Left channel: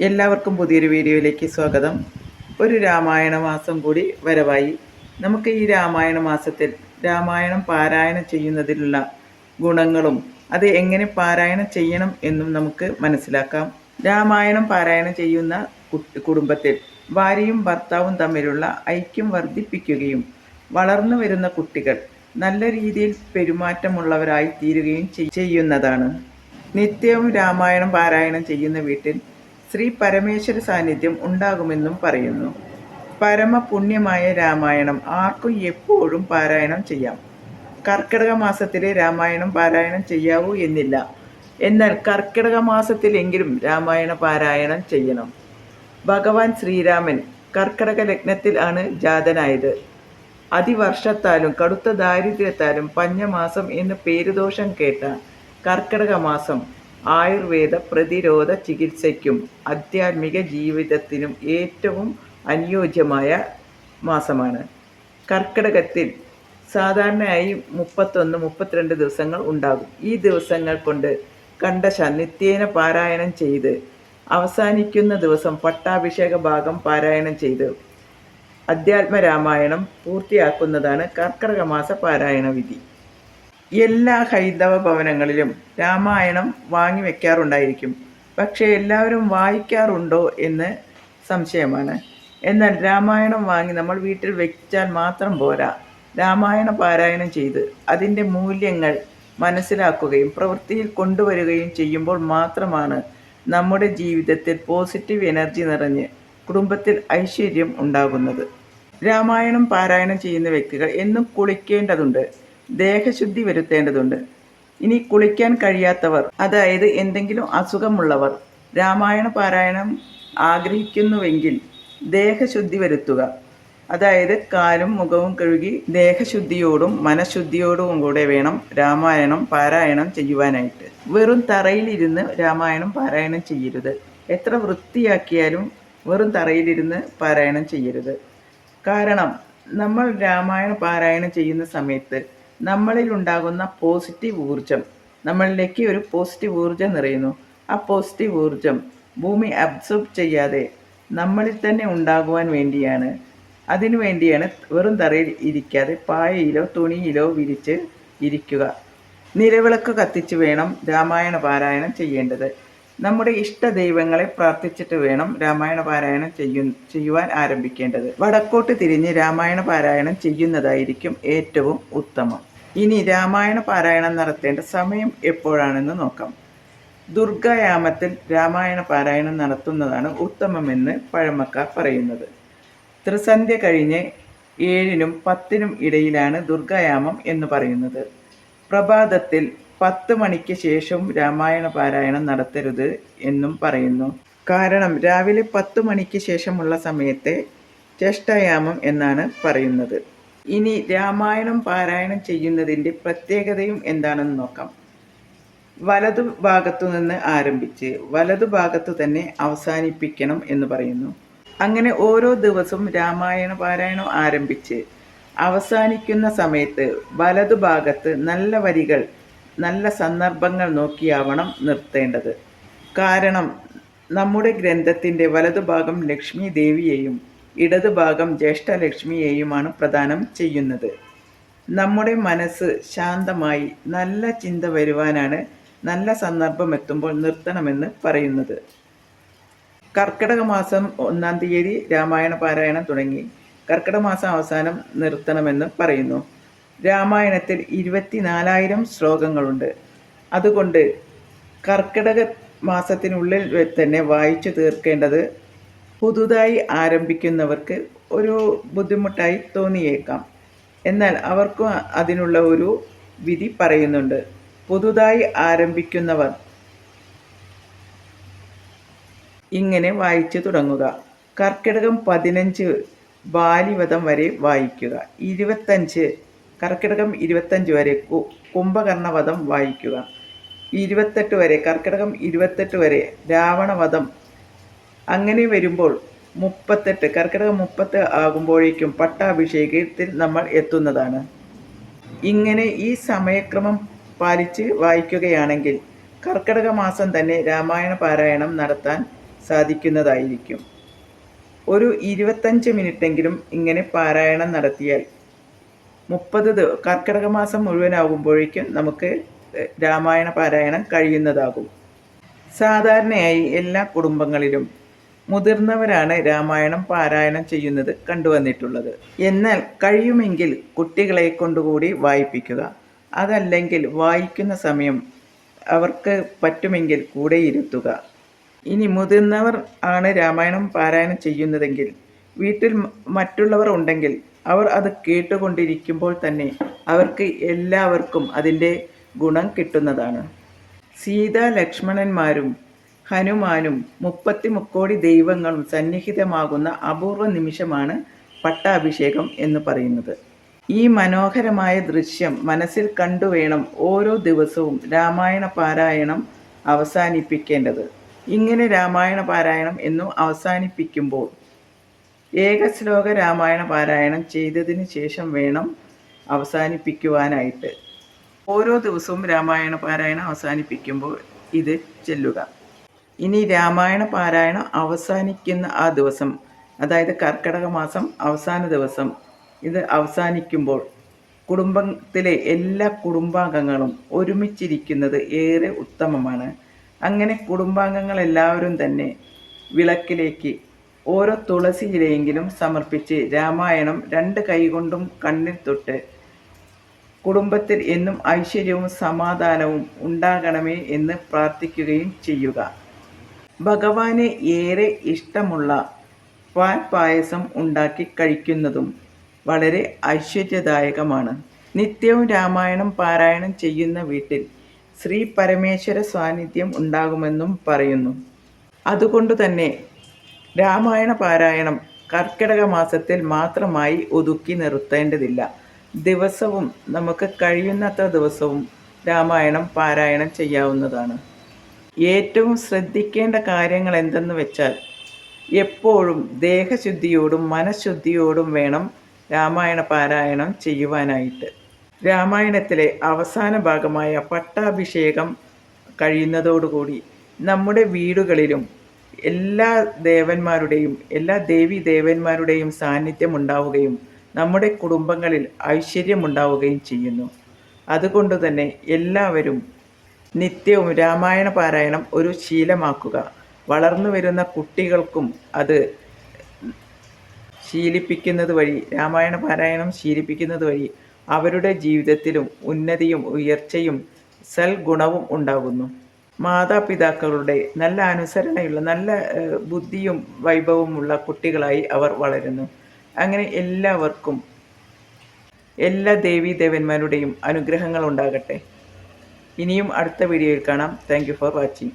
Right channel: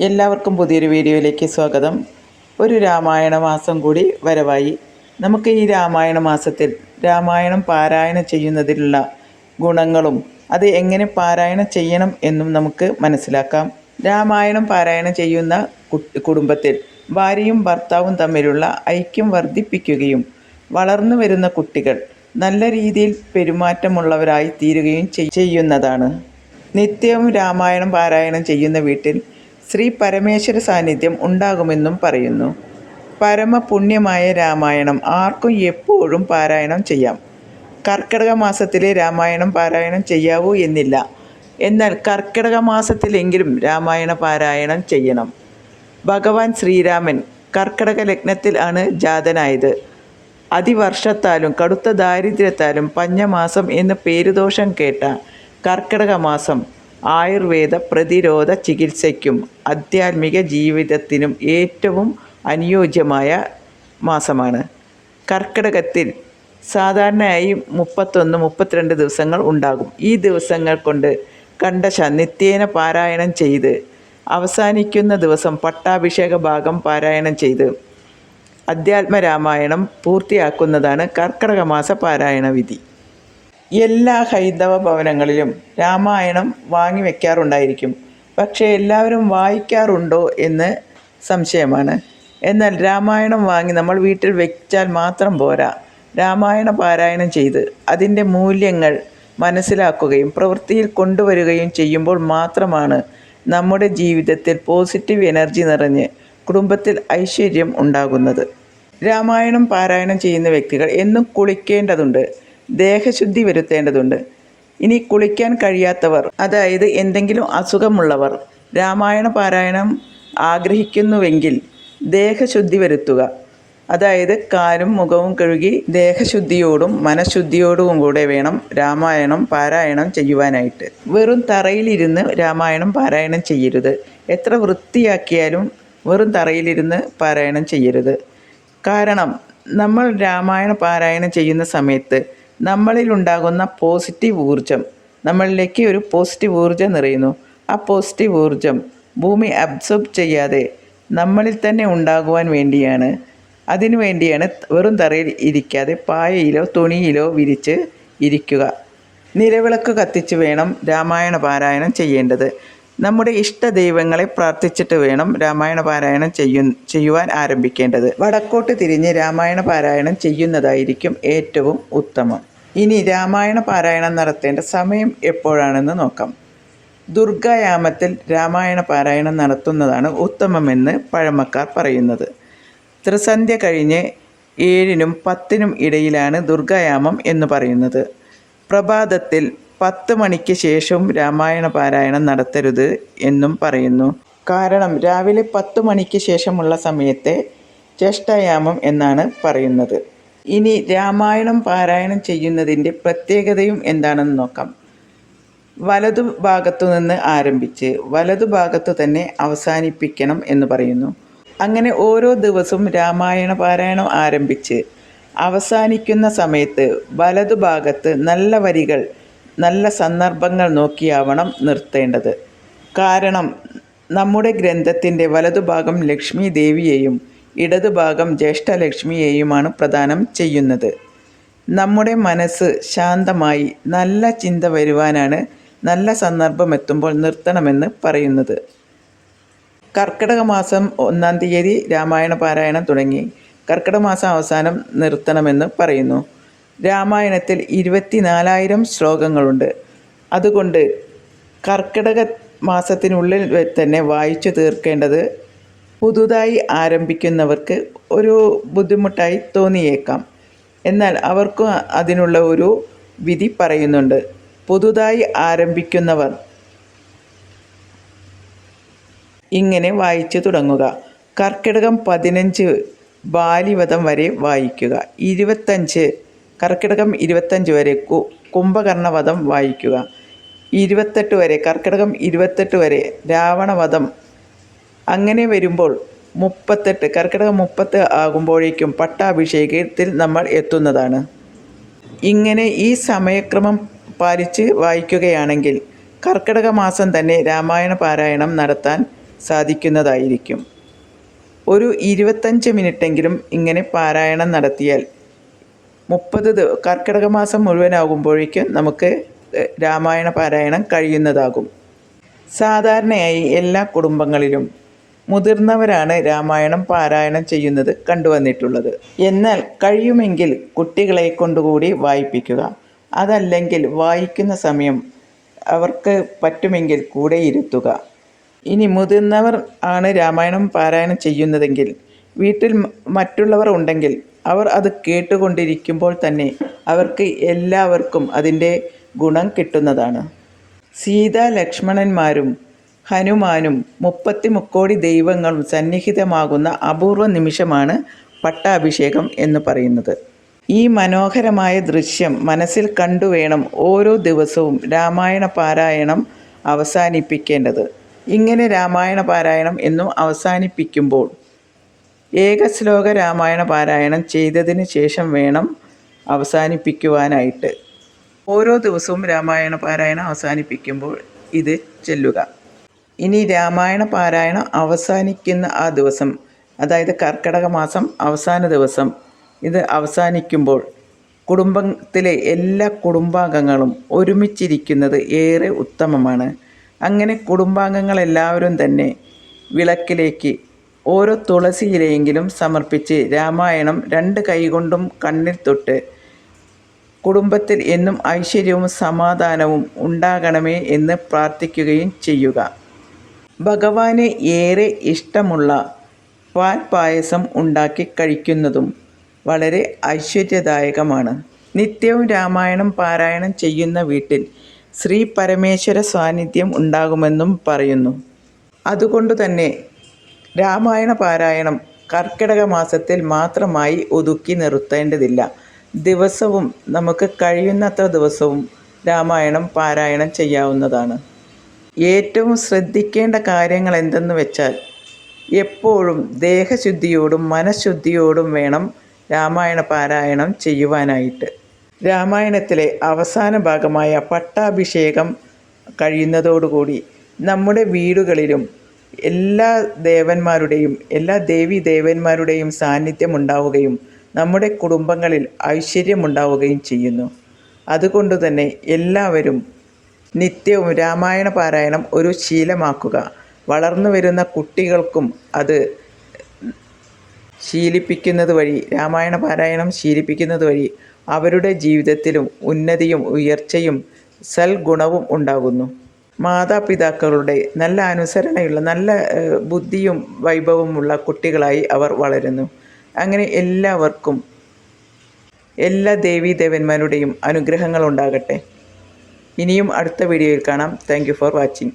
എല്ലാവർക്കും പുതിയൊരു വീഡിയോയിലേക്ക് സ്വാഗതം. ഒരു രാമായണ മാസം കൂടി വരവായി. നമുക്ക് ഈ രാമായണ മാസത്തിൽ രാമായണം പാരായണം ചെയ്യുന്നതിലുള്ള ഗുണങ്ങളും അത് എങ്ങനെ പാരായണം ചെയ്യണം എന്നും നമുക്ക് മനസ്സിലാക്കാം. രാമായണം പാരായണം ചെയ്യുന്ന കുടുംബത്തിൽ ഭാര്യയും ഭർത്താവും തമ്മിലുള്ള ഐക്യം വർദ്ധിപ്പിക്കുകയും വളർന്നു വരുന്ന കുട്ടികൾ നല്ല രീതിയിൽ പെരുമാറ്റമുള്ളവരായി തീരുകയും ചെയ്യുന്നതാണ്. നിത്യവും രാമായണം പാരായണം ചെയ്യുന്ന വീട്ടിൽ ശ്രീ പരമേശ്വര സാന്നിധ്യം ഉണ്ടാകുമെന്നും പറയുന്നു. പരമപുണ്യമായ രാമായണം ആർക്കും എപ്പോഴും പാരായണം ചെയ്യാം. കർക്കിടക മാസത്തിലെ രാമായണം പാരായണം ചെയ്യാവൂ എന്നില്ല. എന്നാൽ കർക്കിടക മാസത്തിലെങ്കിലും രാമായണ പാരായണം ചെയ്യണം. ഭഗവാൻ ശ്രീരാമൻ കർക്കിടക ലഗ്നത്തിൽ ആണ് ജാതനായത്. അതിവർഷത്താലും കടുത്ത ദാരിദ്ര്യത്താലും പഞ്ഞമാസം എന്ന പേരുദോഷം കേട്ട കർക്കിടക മാസം ആയുർവേദ പ്രതിരോധ ചികിത്സയ്ക്കും ആധ്യാത്മിക ജീവിതത്തിനും ഏറ്റവും അനുയോജ്യമായ മാസമാണ്. കർക്കിടകത്തിൽ സാധാരണയായി മുപ്പത്തൊന്ന് മുപ്പത്തിരണ്ട് ദിവസങ്ങൾ ഉണ്ടാകും. ഈ ദിവസങ്ങൾ കൊണ്ട് കണ്ടശ നിത്യേന പാരായണം ചെയ്ത് അവസാനിക്കുന്ന ദിവസം പട്ടാഭിഷേക ഭാഗം പാരായണം ചെയ്ത് അധ്യാത്മരാമായണം പൂർത്തിയാക്കുന്നതാണ് കർക്കിടക മാസ പാരായണ വിധി. എല്ലാ ഹൈന്ദവ ഭവനങ്ങളിലും രാമായണം വാങ്ങി വെക്കാറുണ്ടായിരിക്കും. പക്ഷേ എല്ലാവരും വായിക്കാറുണ്ടോ എന്ന് സംശയമാണ്. എന്നാൽ രാമായണം വാങ്ങി നമ്മൾ വീട്ടിൽ വെച്ചാൽ മാത്രം പോരാ. രാമായണ പാരായണം ചെയ്ത് അതിന്റെ മൂല്യങ്ങൾ മനസ്സിലാക്കുകയും പ്രവൃത്തിയിൽ കൊണ്ടുവരികയും ചെയ്യുമ്പോൾ മാത്രമാണ് നമ്മുടെ ജീവിതത്തിൽ പോസിറ്റീവ് എനർജി നിറഞ്ഞ് കുടുംബത്തിൽ ഐശ്വര്യം ഉണ്ടാകുന്നത്. രാമായണം പാരായണം ചെയ്യുന്ന വ്യക്തികൾ എന്നും കുളിക്കേണ്ടതുണ്ട്. ദേഹശുദ്ധി വരുത്തേണ്ടതുണ്ട്. ഇനി കുളിക്കാൻ കഴിയാത്തവർ അതായത് എന്തെങ്കിലും അസുഖമുള്ളവർ രാമായണ പാരായണം ആഗ്രഹിക്കുന്നുവെങ്കിൽ ദേഹശുദ്ധി വരുത്തുക. അതായത് കാലും മുഖവും കഴുകി ദേഹശുദ്ധിയോടും മനഃശുദ്ധിയോടും കൂടെ വേണം രാമായണം പാരായണം ചെയ്യുവാനായിട്ട്. വെറും തറയിലിരുന്ന് രാമായണം പാരായണം ചെയ്യരുത്. എത്ര വൃത്തിയാക്കിയാലും വെറും തറയിലിരുന്ന് പാരായണം ചെയ്യരുത്. കാരണം നമ്മൾ രാമായണ പാരായണം ചെയ്യുന്ന സമയത്ത് നമ്മളിൽ ഉണ്ടാകുന്ന പോസിറ്റീവ് ഊർജം നമ്മളിലേക്ക് ഒരു പോസിറ്റീവ് ഊർജം നിറയുന്നു. ആ പോസിറ്റീവ് ഊർജം ഭൂമി അബ്സോർബ് ചെയ്യാതെ നമ്മളിൽ തന്നെ ഉണ്ടാകുവാൻ വേണ്ടിയാണ്. അതിനു വേണ്ടിയാണ് വെറും തറയിൽ ഇരിക്കാതെ പായയിലോ തുണിയിലോ വിരിച്ച് ഇരിക്കുക. നിലവിളക്ക് കത്തിച്ച് വേണം രാമായണ പാരായണം ചെയ്യേണ്ടത്. നമ്മുടെ ഇഷ്ട ദൈവങ്ങളെ പ്രാർത്ഥിച്ചിട്ട് വേണം രാമായണ പാരായണം ചെയ്യു ചെയ്യുവാൻ ആരംഭിക്കേണ്ടത്. വടക്കോട്ട് തിരിഞ്ഞ് രാമായണ പാരായണം ചെയ്യുന്നതായിരിക്കും ഏറ്റവും ഉത്തമം. ഇനി രാമായണ പാരായണം നടത്തേണ്ട സമയം എപ്പോഴാണെന്ന് നോക്കാം. ദുർഗായാമത്തിൽ രാമായണ പാരായണം നടത്തുന്നതാണ് ഉത്തമമെന്ന് പഴമക്കാർ പറയുന്നത്. ത്രിസന്ധ്യ കഴിഞ്ഞ് ഏഴിനും പത്തിനും ഇടയിലാണ് ദുർഗായാമം എന്ന് പറയുന്നത്. പ്രഭാതത്തിൽ പത്ത് മണിക്ക് ശേഷവും രാമായണ പാരായണം നടത്തരുത് എന്നും പറയുന്നു. കാരണം രാവിലെ പത്ത് മണിക്ക് ശേഷമുള്ള സമയത്തെ ചേഷ്ടായാമം എന്നാണ് പറയുന്നത്. ഇനി രാമായണം പാരായണം ചെയ്യുന്നതിന്റെ പ്രത്യേകതയും എന്താണെന്ന് നോക്കാം. വലതു ഭാഗത്തു നിന്ന് ആരംഭിച്ച് വലതു ഭാഗത്തു തന്നെ അവസാനിപ്പിക്കണം എന്ന് പറയുന്നു. അങ്ങനെ ഓരോ ദിവസവും രാമായണ പാരായണം ആരംഭിച്ച് അവസാനിക്കുന്ന സമയത്ത് വലതു ഭാഗത്ത് നല്ല വരികൾ നല്ല സന്ദർഭങ്ങൾ നോക്കിയാവണം നിർത്തേണ്ടത്. കാരണം നമ്മുടെ ഗ്രന്ഥത്തിന്റെ വലതുഭാഗം ലക്ഷ്മി ദേവിയെയും ഇടതുഭാഗം ജ്യേഷ്ഠലക്ഷ്മിയെയുമാണ് പ്രദാനം ചെയ്യുന്നത്. നമ്മുടെ മനസ്സ് ശാന്തമായി നല്ല ചിന്ത വരുവാനാണ് നല്ല സന്ദർഭം എത്തുമ്പോൾ നിർത്തണമെന്ന് പറയുന്നത്. കർക്കിടക മാസം ഒന്നാം തീയതി രാമായണ പാരായണം തുടങ്ങി. കർക്കിടക മാസം അവസാനം നിർത്തണമെന്ന് പറയുന്നു. രാമായണത്തിൽ ഇരുപത്തിനാലായിരം ശ്ലോകങ്ങളുണ്ട്. അതുകൊണ്ട് കർക്കിടക മാസത്തിനുള്ളിൽ തന്നെ വായിച്ചു തീർക്കേണ്ടത് പുതുതായി ആരംഭിക്കുന്നവർക്ക് ഒരു ബുദ്ധിമുട്ടായി തോന്നിയേക്കാം. എന്നാൽ അവർക്കും അതിനുള്ള ഒരു വിധി പറയുന്നുണ്ട്. പുതുതായി ആരംഭിക്കുന്നവർ ഇങ്ങനെ വായിച്ചു തുടങ്ങുക. കർക്കിടകം പതിനഞ്ച് ബാലിവധം വരെ വായിക്കുക. ഇരുപത്തഞ്ച് കർക്കിടകം ഇരുപത്തഞ്ച് വരെ കുംഭകർണവധം വായിക്കുക. ഇരുപത്തെട്ട് വരെ കർക്കിടകം ഇരുപത്തെട്ട് വരെ രാവണവധം അങ്ങനെ വരുമ്പോൾ മുപ്പത്തെട്ട് കർക്കിടകം മുപ്പത്ത് ആകുമ്പോഴേക്കും പട്ടാഭിഷേകത്തിൽ നമ്മൾ എത്തുന്നതാണ്. ഇങ്ങനെ ഈ സമയക്രമം പാലിച്ച് വായിക്കുകയാണെങ്കിൽ കർക്കിടക മാസം തന്നെ രാമായണ പാരായണം നടത്താൻ സാധിക്കുന്നതായിരിക്കും. ഒരു ഇരുപത്തഞ്ച് മിനിറ്റെങ്കിലും ഇങ്ങനെ പാരായണം നടത്തിയാൽ മുപ്പത് കർക്കിടക മാസം മുഴുവനാകുമ്പോഴേക്കും നമുക്ക് രാമായണ പാരായണം കഴിയുന്നതാകും. സാധാരണയായി എല്ലാ കുടുംബങ്ങളിലും മുതിർന്നവരാണ് രാമായണം പാരായണം ചെയ്യുന്നത് കണ്ടുവന്നിട്ടുള്ളത്. എന്നാൽ കഴിയുമെങ്കിൽ കുട്ടികളെ കൊണ്ടുകൂടി വായിപ്പിക്കുക. അതല്ലെങ്കിൽ വായിക്കുന്ന സമയം അവർക്ക് പറ്റുമെങ്കിൽ കൂടെ ഇരുത്തുക. ഇനി മുതിർന്നവർ ആണ് രാമായണം പാരായണം ചെയ്യുന്നതെങ്കിൽ വീട്ടിൽ മറ്റുള്ളവർ ഉണ്ടെങ്കിൽ അവർ അത് കേട്ടുകൊണ്ടിരിക്കുമ്പോൾ തന്നെ അവർക്ക് എല്ലാവർക്കും അതിന്റെ ഗുണം കിട്ടുന്നതാണ്. സീതാ ലക്ഷ്മണന്മാരും ഹനുമാനും മുപ്പത്തി മുക്കോടി ദൈവങ്ങളും സന്നിഹിതമാകുന്ന അപൂർവ നിമിഷമാണ് പട്ടാഭിഷേകം എന്ന് പറയുന്നത്. ഈ മനോഹരമായ ദൃശ്യം മനസ്സിൽ കണ്ടുവേണം ഓരോ ദിവസവും രാമായണ പാരായണം അവസാനിപ്പിക്കേണ്ടത്. ഇങ്ങനെ രാമായണ പാരായണം എന്നും അവസാനിപ്പിക്കുമ്പോൾ ഏകശ്ലോക രാമായണ പാരായണം ചെയ്തതിന് ശേഷം വേണം അവസാനിപ്പിക്കുവാനായിട്ട്. ഓരോ ദിവസവും രാമായണ പാരായണം അവസാനിപ്പിക്കുമ്പോൾ ഇത് ചെല്ലുക. ഇനി രാമായണ പാരായണം അവസാനിക്കുന്ന ആ ദിവസം അതായത് കർക്കിടക മാസം അവസാന ദിവസം ഇത് അവസാനിക്കുമ്പോൾ കുടുംബത്തിലെ എല്ലാ കുടുംബാംഗങ്ങളും ഒരുമിച്ചിരിക്കുന്നത് ഏറെ ഉത്തമമാണ്. അങ്ങനെ കുടുംബാംഗങ്ങളെല്ലാവരും തന്നെ വിളക്കിലേക്ക് ഓരോ തുളസി ഇലയെങ്കിലും സമർപ്പിച്ച് രാമായണം രണ്ട് കൈകൊണ്ടും കണ്ണിൽ തൊട്ട് കുടുംബത്തിൽ എന്നും ഐശ്വര്യവും സമാധാനവും ഉണ്ടാകണമേ എന്ന് പ്രാർത്ഥിക്കുകയും ചെയ്യുക. ഭഗവാന് ഏറെ ഇഷ്ടമുള്ള പാൽ പായസം ഉണ്ടാക്കി കഴിക്കുന്നതും വളരെ ഐശ്വര്യദായകമാണ്. നിത്യവും രാമായണം പാരായണം ചെയ്യുന്ന വീട്ടിൽ ശ്രീ പരമേശ്വര സാന്നിധ്യം ഉണ്ടാകുമെന്നും പറയുന്നു. അതുകൊണ്ട് തന്നെ രാമായണ പാരായണം കർക്കിടക മാസത്തിൽ മാത്രമായി ഒതുക്കി നിർത്തേണ്ടതില്ല. ദിവസവും നമുക്ക് കഴിയുന്നത്ര ദിവസവും രാമായണം പാരായണം ചെയ്യാവുന്നതാണ്. ഏറ്റവും ശ്രദ്ധിക്കേണ്ട കാര്യങ്ങൾ എന്തെന്ന് വെച്ചാൽ എപ്പോഴും ദേഹശുദ്ധിയോടും മനഃശുദ്ധിയോടും വേണം രാമായണ പാരായണം ചെയ്യുവാനായിട്ട്. രാമായണത്തിലെ അവസാന ഭാഗമായ പട്ടാഭിഷേകം കഴിയുന്നതോടുകൂടി നമ്മുടെ വീടുകളിലും എല്ലാ ദേവന്മാരുടെയും എല്ലാ ദേവി ദേവന്മാരുടെയും സാന്നിധ്യം ഉണ്ടാവുകയും നമ്മുടെ കുടുംബങ്ങളിൽ ഐശ്വര്യമുണ്ടാവുകയും ചെയ്യുന്നു. അതുകൊണ്ട് തന്നെ എല്ലാവരും നിത്യവും രാമായണ പാരായണം ഒരു ശീലമാക്കുക. വളർന്നു വരുന്ന കുട്ടികൾക്കും അത് ശീലിപ്പിക്കുന്നത് വഴി രാമായണ പാരായണം ശീലിപ്പിക്കുന്നത് വഴി അവരുടെ ജീവിതത്തിലും ഉന്നതിയും ഉയർച്ചയും സൽഗുണവും ഉണ്ടാകുന്നു. മാതാപിതാക്കളുടെ നല്ല അനുസരണയുള്ള നല്ല ബുദ്ധിയും വൈഭവമുള്ള കുട്ടികളായി അവർ വളരുന്നു. അങ്ങനെ എല്ലാവർക്കും എല്ലാ ദേവീദേവന്മാരുടെയും അനുഗ്രഹങ്ങൾ ഉണ്ടാകട്ടെ ഇനിയും അടുത്ത വീഡിയോയിൽ കാണാം. Thank for watching